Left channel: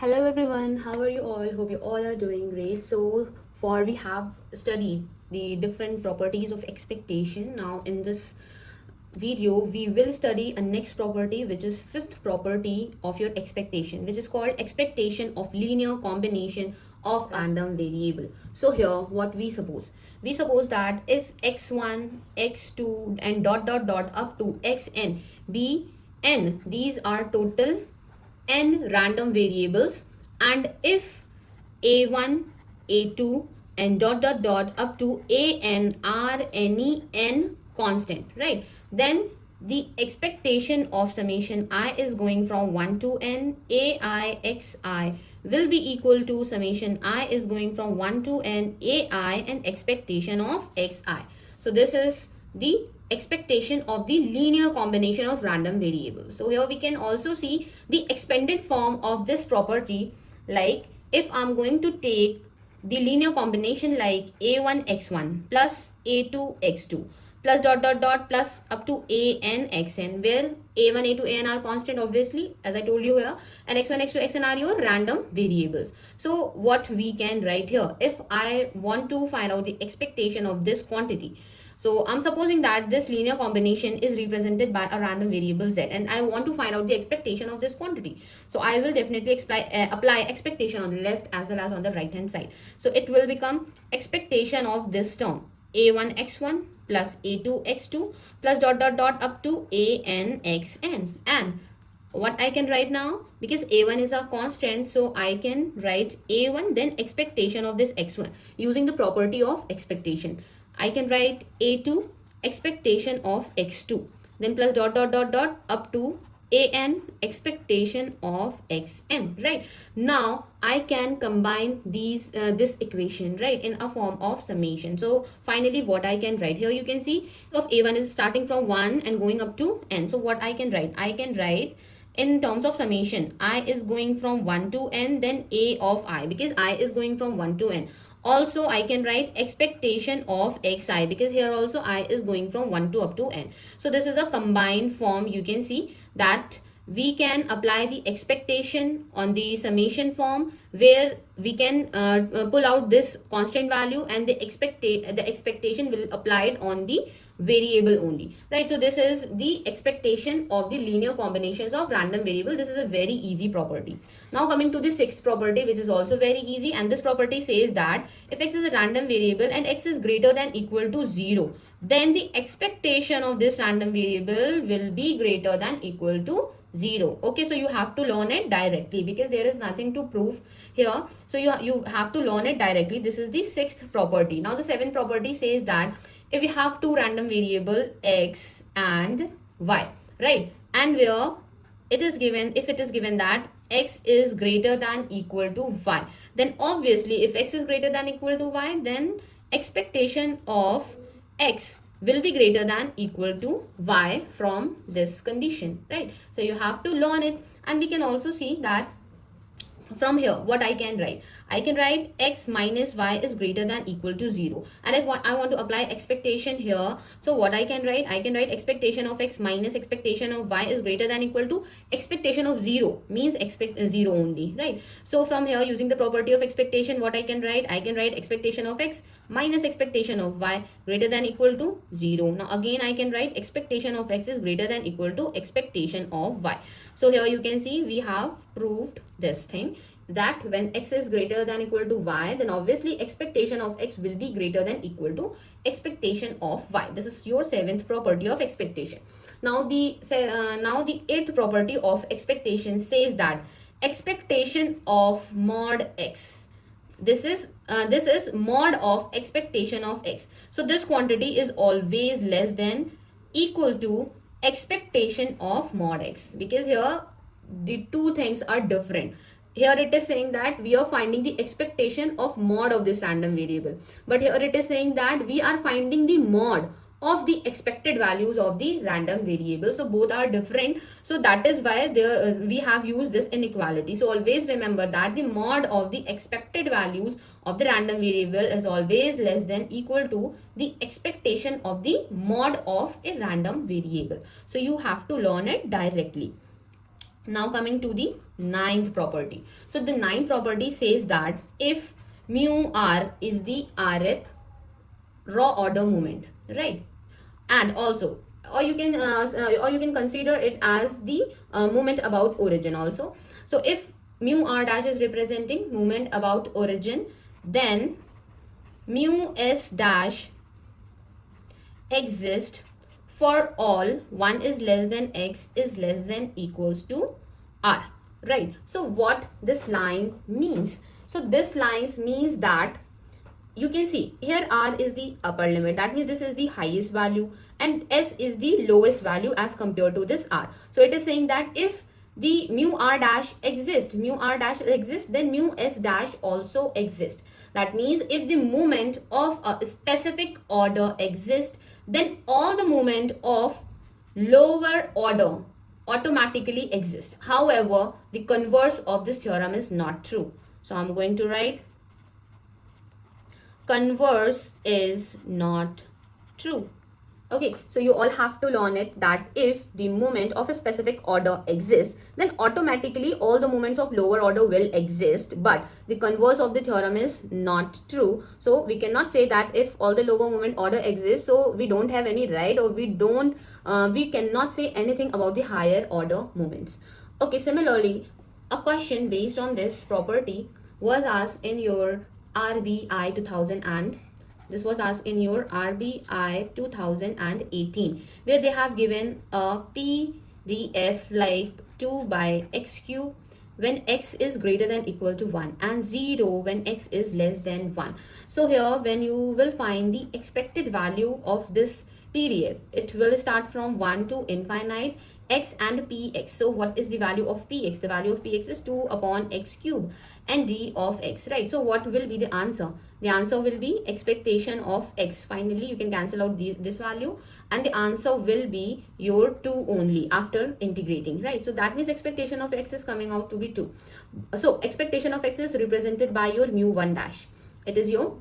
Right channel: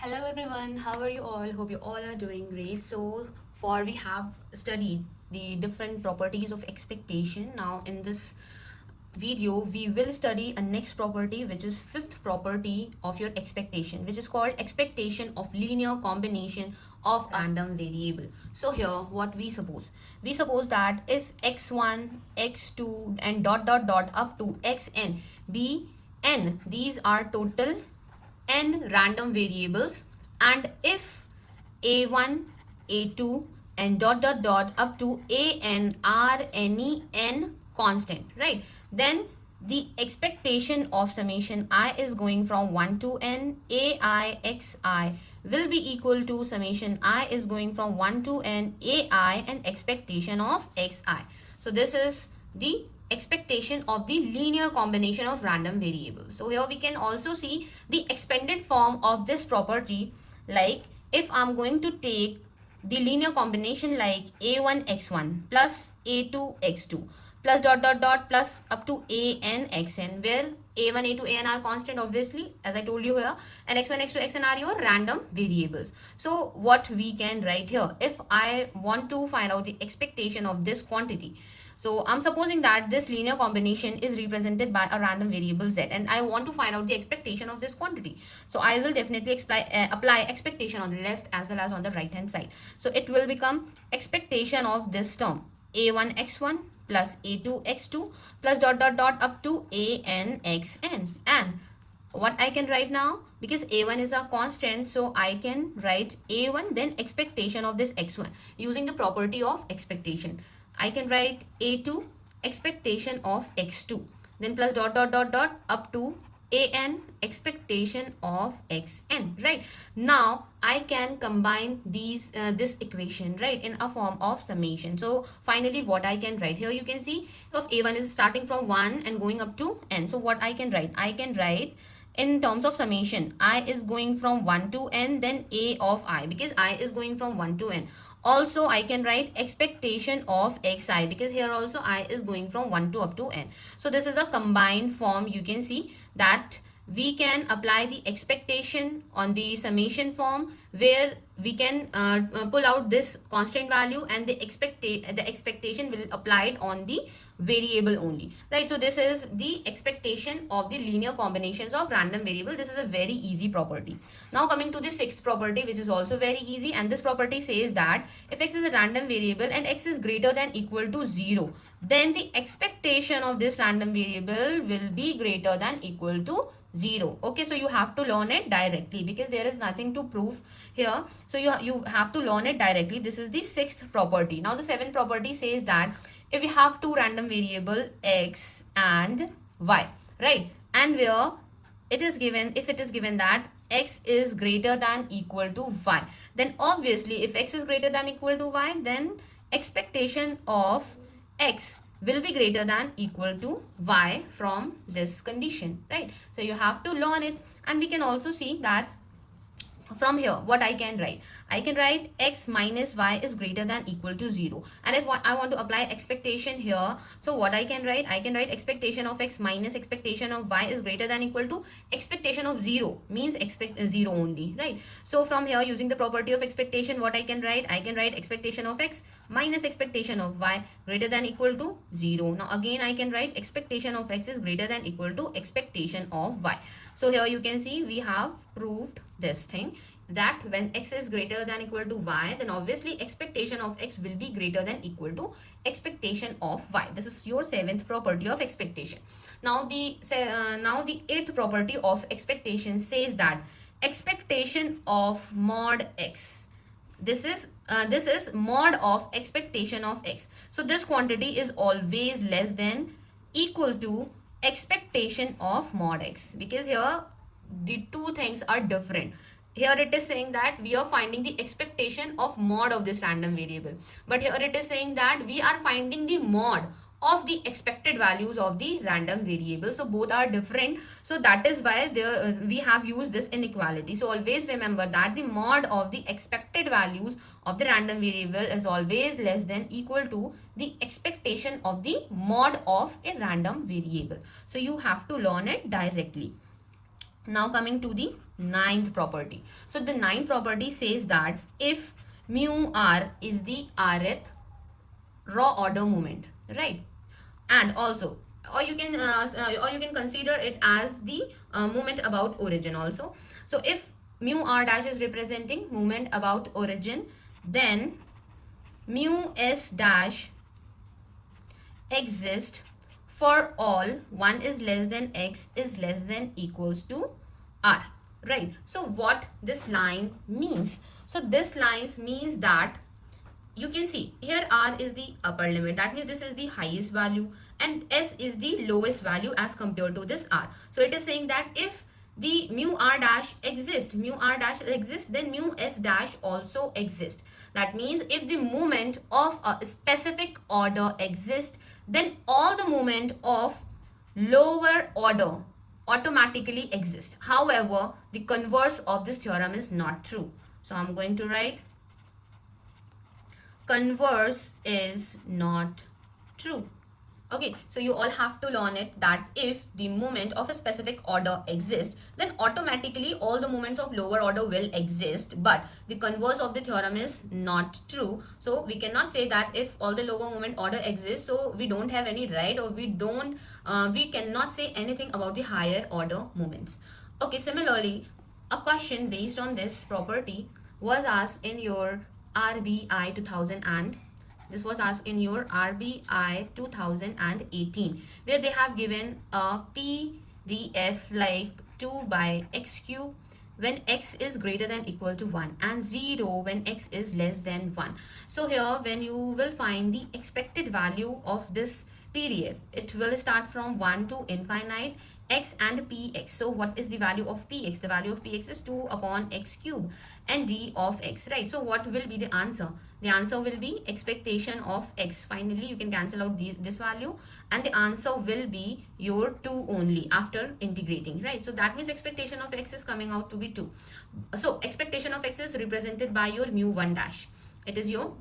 Hello everyone, how are you all? Hope you all are doing great. So far we have studied the different properties of expectation. Now in this video we will study a next property, which is fifth property of your expectation, which is called expectation of linear combination of random variable. So here what we suppose that if x1, x2 and dot dot dot up to xn be n, these are total n random variables, and if a1, a2 and dot dot dot up to an are any n constant, right, then the expectation of summation I is going from 1 to n ai xi will be equal to summation I is going from 1 to n ai and expectation of xi. So this is the expectation of the linear combination of random variables. So here we can also see the expanded form of this property, like if I'm going to take the linear combination like a1 x1 plus a2 x2 plus dot dot dot plus up to an xn, where a1, a2, an are constant obviously as I told you here, and x1, x2, xn are your random variables. So what we can write here, if I want to find out the expectation of this quantity, so I'm supposing that this linear combination is represented by a random variable z, and I want to find out the expectation of this quantity. So I will definitely apply expectation on the left as well as on the right hand side. So it will become expectation of this term a1 x1 plus a2 x2 plus dot dot dot up to an xn. And what I can write now, because a1 is a constant, so I can write a1 then expectation of this x1 using the property of expectation. I can write a2 expectation of x2 then plus dot dot dot dot up to an expectation of xn, right? Now I can combine these this equation, right, in a form of summation. So finally what I can write here, you can see of a1 is starting from 1 and going up to n. So what I can write in terms of summation, I is going from 1 to n, then a of I, because I is going from 1 to n. Also I can write expectation of xi, because here also I is going from 1 to up to n. So this is a combined form. You can see that we can apply the expectation on the summation form, where we can pull out this constant value, and the expectation will apply it on the variable only, right? So this is the expectation of the linear combinations of random variable. This is a very easy property. Now coming to the sixth property, which is also very easy, and this property says that if x is a random variable and x is greater than equal to 0, then the expectation of this random variable will be greater than equal to 0. Okay, so you have to learn it directly, because there is nothing to prove here. So you have to learn it directly. This is the sixth property. Now the seventh property says that if we have two random variable x and y, right, and where it is given, if it is given that x is greater than equal to y, then obviously if x is greater than equal to y, then expectation of x will be greater than equal to y from this condition, right? So you have to learn it. And we can also see that from here what I can write x minus y is greater than equal to 0. And if I want to apply expectation here, so what I can write expectation of x minus expectation of y is greater than equal to expectation of 0, means expect 0 only, right? So from here, using the property of expectation, what I can write expectation of x minus expectation of y greater than equal to 0. Now again I can write expectation of x is greater than equal to expectation of y. So here you can see we have proved this thing, that when x is greater than equal to y, then obviously expectation of x will be greater than equal to expectation of y. This is your seventh property of expectation. Now the eighth property of expectation says that expectation of mod x, this is mod of expectation of x. So this quantity is always less than equal to expectation of mod x, because here the two things are different. Here it is saying that we are finding the expectation of mod of this random variable, but here it is saying that we are finding the mod of the expected values of the random variable. So both are different, so that is why we have used this inequality. So always remember that the mod of the expected values of the random variable is always less than equal to the expectation of the mod of a random variable. So you have to learn it directly. Now coming to the ninth property. So the ninth property says that if mu r is the rth raw order moment, right? And also, or you can consider it as the moment about origin also. So if mu r dash is representing moment about origin, then mu s dash exist for all 1 is less than x is less than equals to r, right? So what this line means, so this line means that you can see here r is the upper limit, that means this is the highest value, and s is the lowest value as compared to this r. So it is saying that if the mu r dash exists, then mu s dash also exists. That means if the moment of a specific order exists, then all the moment of lower order automatically exist. However, the converse of this theorem is not true. So I'm going to write converse is not true. Okay, so you all have to learn it that if the moment of a specific order exists, then automatically all the moments of lower order will exist, but the converse of the theorem is not true. So we cannot say that if all the lower moment order exists, so we don't have any right, or we cannot say anything about the higher order moments. Okay, similarly, a question based on this property was asked in your RBI 2000 and this was asked in your RBI 2018, where they have given a PDF like 2 by x cube when x is greater than equal to 1 and 0 when x is less than 1. So here when you will find the expected value of this PDF, it will start from 1 to infinite x and px. So what is the value of px? The value of px is 2 upon x cube and d of x, right? So what will be the answer? The answer will be expectation of x. Finally, you can cancel out this value and the answer will be your 2 only after integrating, right? So that means expectation of x is coming out to be 2. So expectation of x is represented by your mu 1 dash. It is your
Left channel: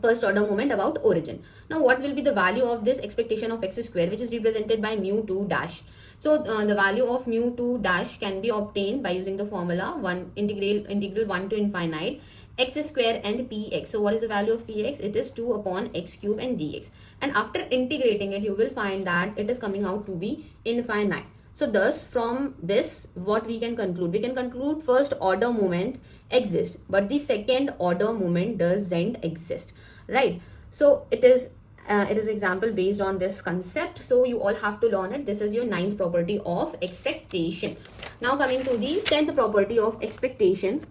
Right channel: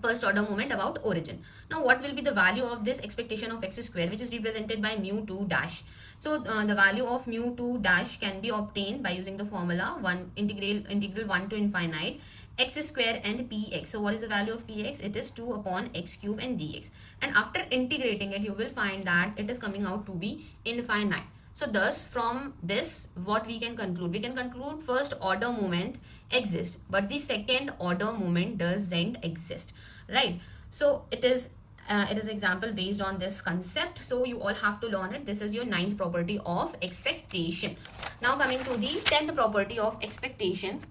first order moment about origin. Now what will be the value of this expectation of x square, which is represented by mu 2 dash? So the value of mu 2 dash can be obtained by using the formula integral 1 to infinite x square and px. So what is the value of px? It is 2 upon x cube and dx, and after integrating it you will find that it is coming out to be infinite. So thus from this what we can conclude? We can conclude first order moment exists, but the second order moment doesn't exist, right? So it is example based on this concept. So you all have to learn it. This is your ninth property of expectation. Now coming to the 10th property of expectation.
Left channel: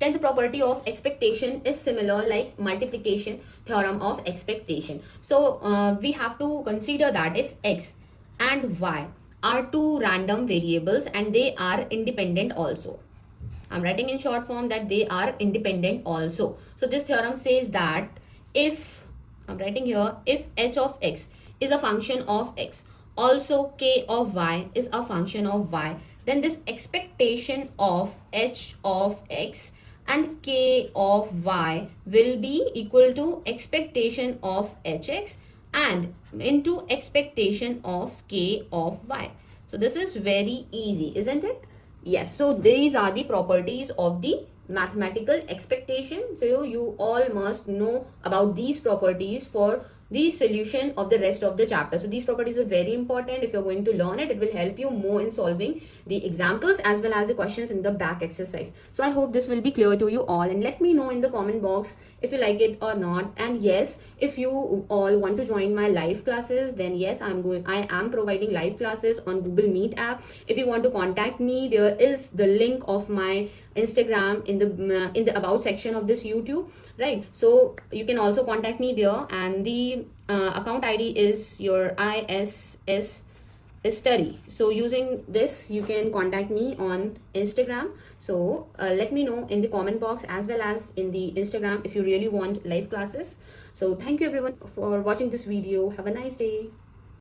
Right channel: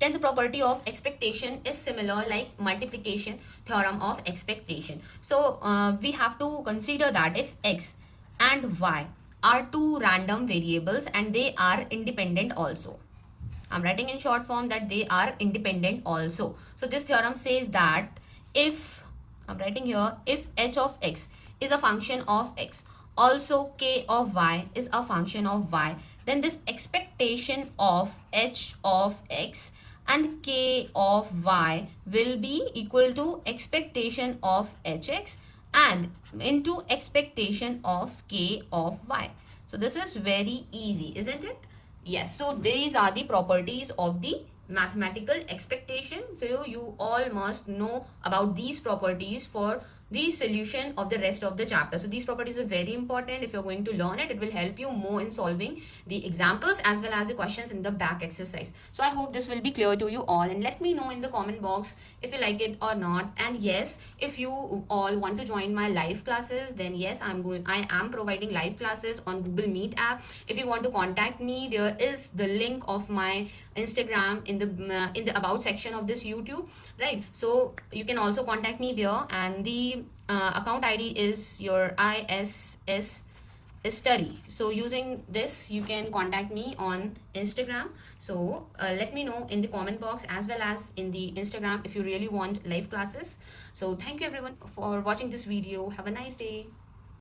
10th property of expectation is similar like multiplication theorem of expectation. So we have to consider that if x and y are two random variables and they are independent also. I'm writing in short form that they are independent also. So this theorem says that if, I'm writing here, if h of x is a function of x, also k of y is a function of y, then this expectation of h of x and k of y will be equal to expectation of hx and into expectation of k of y. So this is very easy, isn't it? Yes, so these are the properties of the mathematical expectation. So you all must know about these properties for the solution of the rest of the chapter. So these properties are very important. If you're going to learn it, it will help you more in solving the examples as well as the questions in the back exercise. So I hope this will be clear to you all, and let me know in the comment box if you like it or not. And yes, if you all want to join my live classes, then yes, I am providing live classes on Google Meet app. If you want to contact me, there is the link of my Instagram in the about section of this YouTube, right? So you can also contact me there, and the account ID is your ISS study. So using this you can contact me on Instagram. So let me know in the comment box as well as in the Instagram if you really want live classes. So thank you everyone for watching this video. Have a nice day.